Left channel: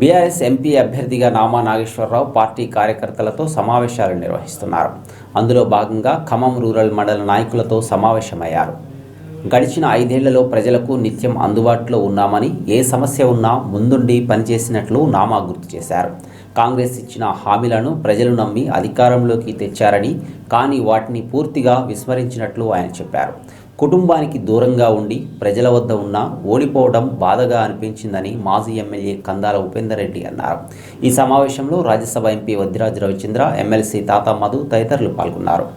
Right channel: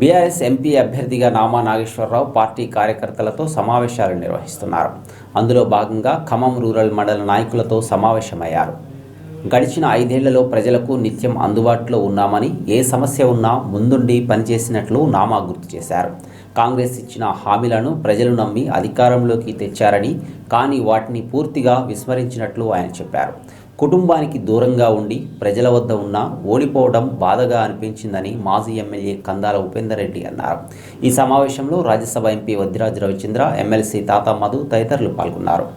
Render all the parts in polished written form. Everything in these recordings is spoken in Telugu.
బీఆర్ఎస్ ఎంపీ అభ్యర్థిగా నామా నాగేశ్వరరావు పార్టీ కార్యకర్తలతో సమావేశాలు నిర్వహిస్తున్నారు. అందులో భాగంగా ఖమ్మం రూరల్ మండల నాయకులతో సమావేశమయ్యారు. గడిచిన 5 ఏళ్లలో ప్రజలకు నిత్యం అందుబాటులో ఉన్నామని, ఏ సమస్య ఉన్నా ముందుండి పనిచేసినట్లు నామా గుర్తు చేశారు. కాంగ్రెస్ ఇచ్చిన హామీలను ప్రజలు నమ్మి అధికారంలోకి తెచ్చారని, కానీ వాటిని పూర్తిగా విస్మరించినట్లు ఆయన చెప్పారు. కుటుంబానికి దూరంగా ఉండి ప్రజల వద్ద ఉన్న ఓడిపోవడం బాధగా అనిపించిందని మాజీ ఎమ్మెల్యే కందాల ఉపేందర్ రెడ్డి అన్నారు. ఈ సమావేశంలో రాజ్యసభ ఎంపీ వద్దిరాజు రవిచంద్ర, ఎమ్మెల్సీ తాతా మధు తదితరులు పాల్గొన్నారు.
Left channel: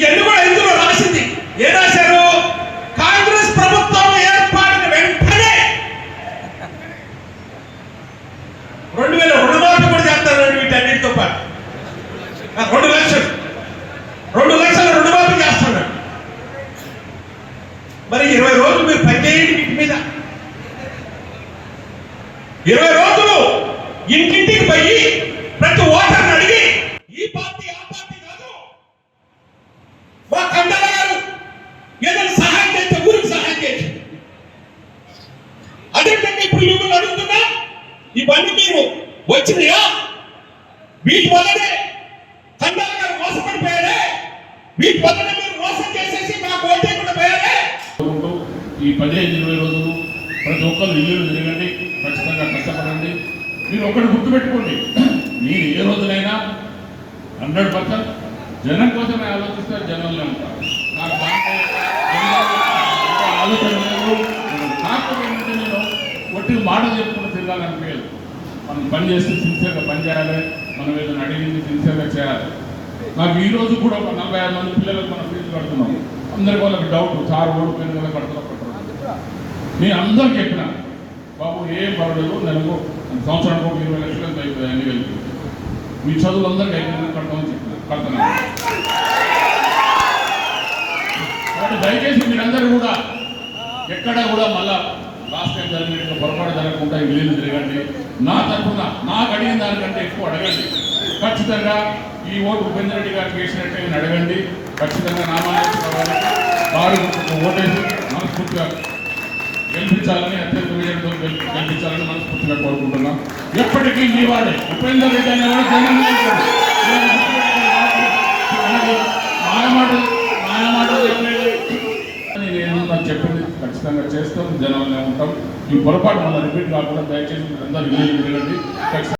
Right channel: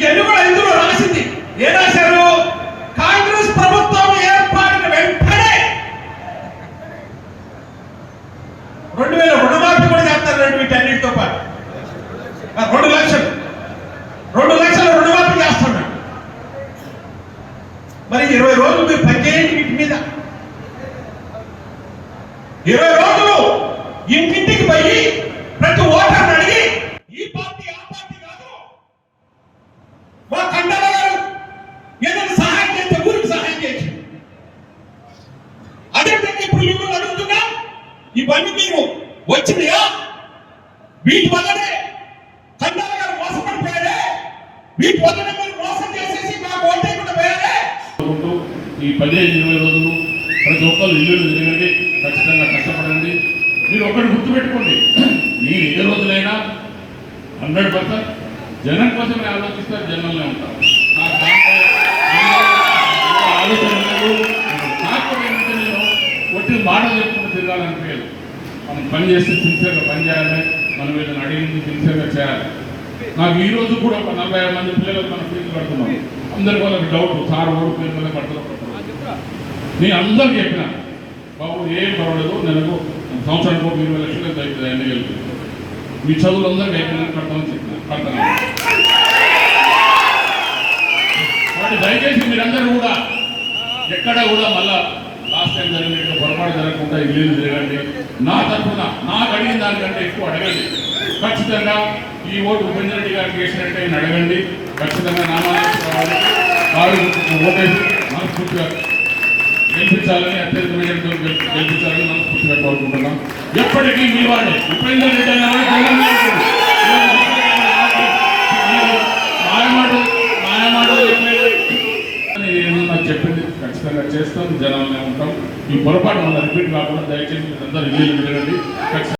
ఇవన్నీ కూడా ఇందులో రాసింది ఏం రాశారు? కాంగ్రెస్ ప్రభుత్వం ఏర్పడిన వెంటనే 2000 రుణమాఫీ కూడా చేస్తారండి. వీటన్నిటితో పాటు 2 లక్షల రుణమాఫీ చేస్తున్నాడు. మరి 20 రోజులు మీరు పనిచేయండి. వీటి మీద 20 రోజులు ఇంటింటికి పోయి ప్రతి ఓటర్ని అడిగి ఈ పార్టీ ఆ పార్టీ కాదు, మా కందాల గారు ఏదైనా సహాయం చేస్తే ఊరికి సహాయం చేసి, అదేవిధంగా ఇప్పుడు మిమ్మల్ని అడుగుతున్నా, ఇవన్నీ మీరు వచ్చినాయా? వీటి వల్లనే కందాల గారు మోసపడిపోయారే, వీటి వల్లనే మీరు మోసం చేసేసి మాకు ఓటేయకుండా పోయారే. ఈ 15-20 రోజులు ప్రతి ఒక్కరు ఇల్లు తిరగండి, ఖచ్చితంగా కష్టపడండి. మీరు ఒకటి గుర్తుపెట్టుకోండి, మీ ఏ రోజులైనా 100% జనం కోసమే ఆలోచిస్తారు, జనంలో ఉంటారు. నాకు దాంట్లో ఆలోచన లేదు. కాకపోతే నేను ఒట్టి మాటలు చెప్పుకుంటూ తిరగాలనిపించలేదు. మనం పని చేస్తే సిన్సియర్గా పని చేయాలి, మనం ఏదైనా అడిగింది సిన్సియర్గా చేయాలి. నాకు ఈ రోజు కూడా ఒక 45 మంది పిల్లలకు మనం ఫీజు కడుతున్నాం. అందరి వాళ్ళకి డౌట్, సార్ ఓడి పిల్లలు కడుతున్నాం. నేను అందరికి చెప్పిన, బాబు ఏం పర్వాలేదు, నెలకు సంవత్సరానికి 20 లక్షలు అవుతుంది, అన్ని కలిపి మీ చదువులు అందరికీ అయిపోయినా కడతామని చెప్పిన, కడతాను. కాబట్టి దయచేసి మీరందరూ కూడా ఎక్కడ కూడా మళ్ళా లాస్ట్ టైం జరిగినట్టు పొరపాటు జరగకుండా ఇల్లు తిరగండి. నా తరఫున నాకు అడిగిన దానికంటే ఎక్కువ అడగండి. ఖచ్చితంగా ఈ ఓటు ఉపేందర్ రెడ్డి గారికి వేసినట్టే అడగండి. ఖచ్చితంగా నామాలు వారు ఓటేసి మనస్ఫూర్తిగా గెలిపించాలని, అత్యధిక విజయంతో గెలిపించాలని మనస్ఫూర్తిగా కోరుకుంటున్నాం. ఎప్పటికీ మీ వాడే ఉపేందర్ రెడ్డి ఏమన్నా చెప్పింది ఖచ్చితంగా చేస్తాం, జనంలో ఉంటాం. ఈ పొరపాటు మళ్ళీ రిపీట్ కాకుండా దయచేసి అందరూ ఇల్లు తిరగండి.